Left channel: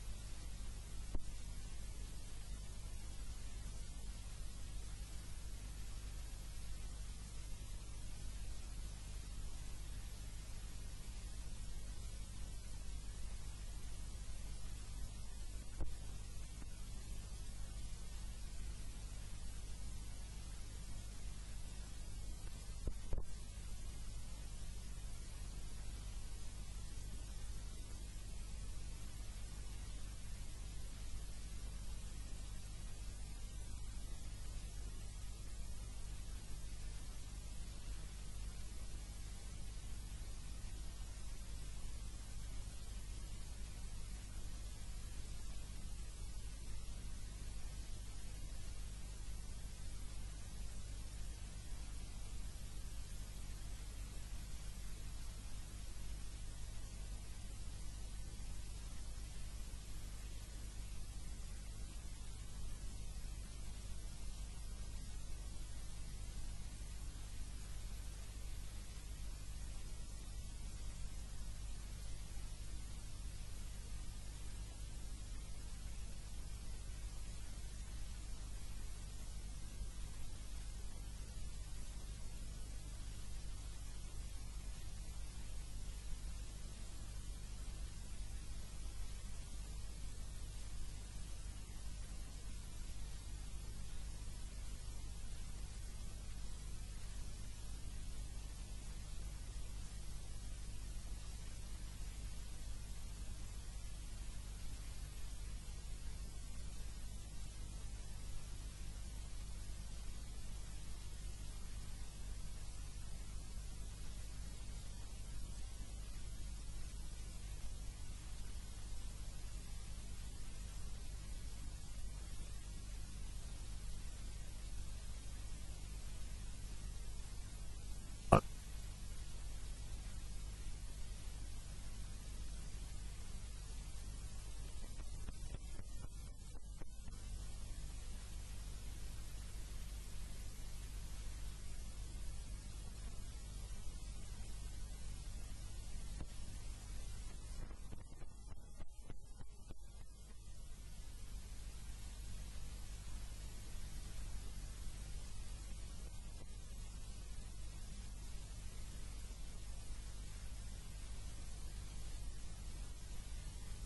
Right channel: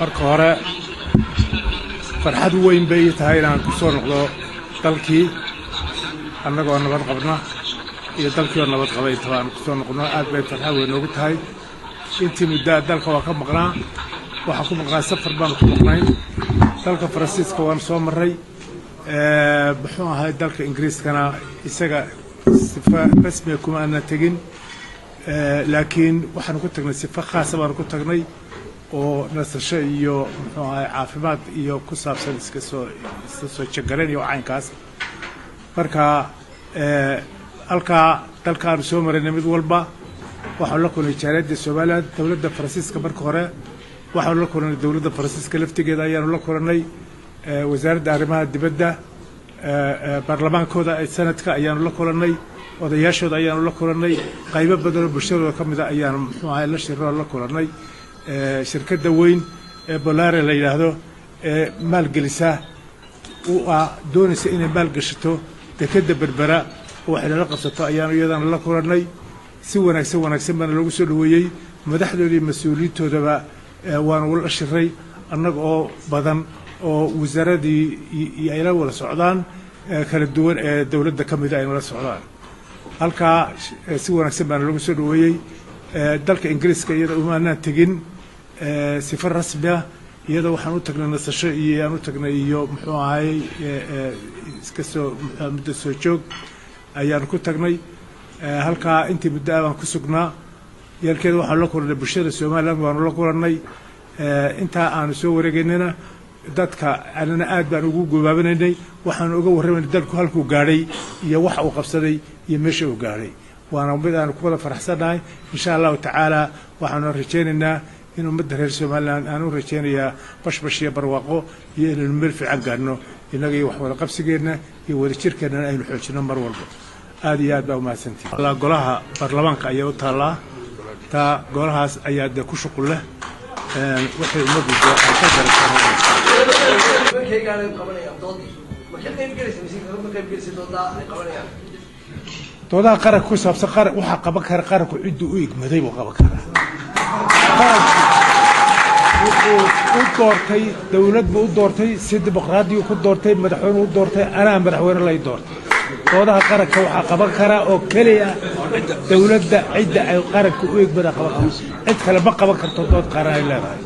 marka hore farxad weyn bay tahay inaan ku soo noqdo dalkii annagoo nabad qabna iyo dalkii oo nabad qabay tabaan ku soo noqno aad bay farxad weyn ugu tahay intii muddo dalka waa ka maqnaa waxa ku maqnaa safar baan ku maqnay dalka Faransiiska waan soo maray wuxuu ahaa dalka Ingiriiskana isaga sifa rasmi kuma aan tagin laakiin waxaan ku tagnay sifa khaas ah baan ku tagnay oo nasasho iyo muxuu ahaa caafimaad iyo ku saabsan iska soo jagaleen iyo caynkaas marka halka dalkaan soo maray mid walba waxaan la kulmay jaaliyadda Soomaaliya dawladda Faransiiska marka hore waxaan la kulmay dawladda Faransiiska laftigeeda ayaan la kulmay wasaaradda arrimaha dibadda baarlamaankooda ay sanadka ayaan la kulmay odayaashooda ayaan la kulmay qaybo badan oo bulshada ka mid ah ayaan muxuu ahaa la shirro la kulmay shirkadda weyn ee Bolaare la yiraahdo maalgelisa oo doonaysa inay maalgashato dekada Berbera waxay la qabsato ayaan iyadana la kulmay si wanaagsan baan lagu soo dhaweeyay madaxdoodii mas'uuliyiintoodaba waan wada shiray annaga oo badan oo wasaaradii ay la wada socdaan kala duwan ee dawladda ka mid ah ay la socdaan halka si wanaagsan baan lagu soo dhaweeyay dalka Ingiriiska iyada uma aanan tagin sifar rasmi ah iyada waxaan u tagnay nasasho iyo aan u tagnay iyo muxuu ahay iska soo muddo soo joog ayaan ku tagnay halka intii muddo aan ku sugnaa yalkeeda waxaan la kulnay bulshada Soomaaliland waan la kulnay inta aan soo wareegaynayna dadka anana aad baan ugu gobaabanay waxaan uga warramayay dalku halku gaaray iyo wax uu qabsaday iyo meesha uu gaaray waana mid aan ku wada faraxsanahay insha Allah ta'ala waxaan rajaynaynaa inuu mid reer Soomaaliland aan u rajaynayaa bashbashiya barwaaqo iyo inuu meel fiican gaarno inaga wax wada qabsigeena iyo wada jirkeena aynu xoojino mar walba aad iyo aad baa u mahadsantihiin Allah golaha baarlamaanka ayaa u taala ta golahaas ayaa ku shuqul leh waxay umadu ka doodaha qaranka ku saabsan qaranka waxa qaban kara qaranku ciddu u igmaday buu qaban karaa u doortay dawlad buu u doortay si dimuqraadi ku doortay madaxweyne u doortay anaa madaxweyne la doortay doodaha qaranka waxa qaban kara oo kaliya dawladda cidda ay qaranku u igmada qaban cid kale ma qaban karto dood qaran ay leedahay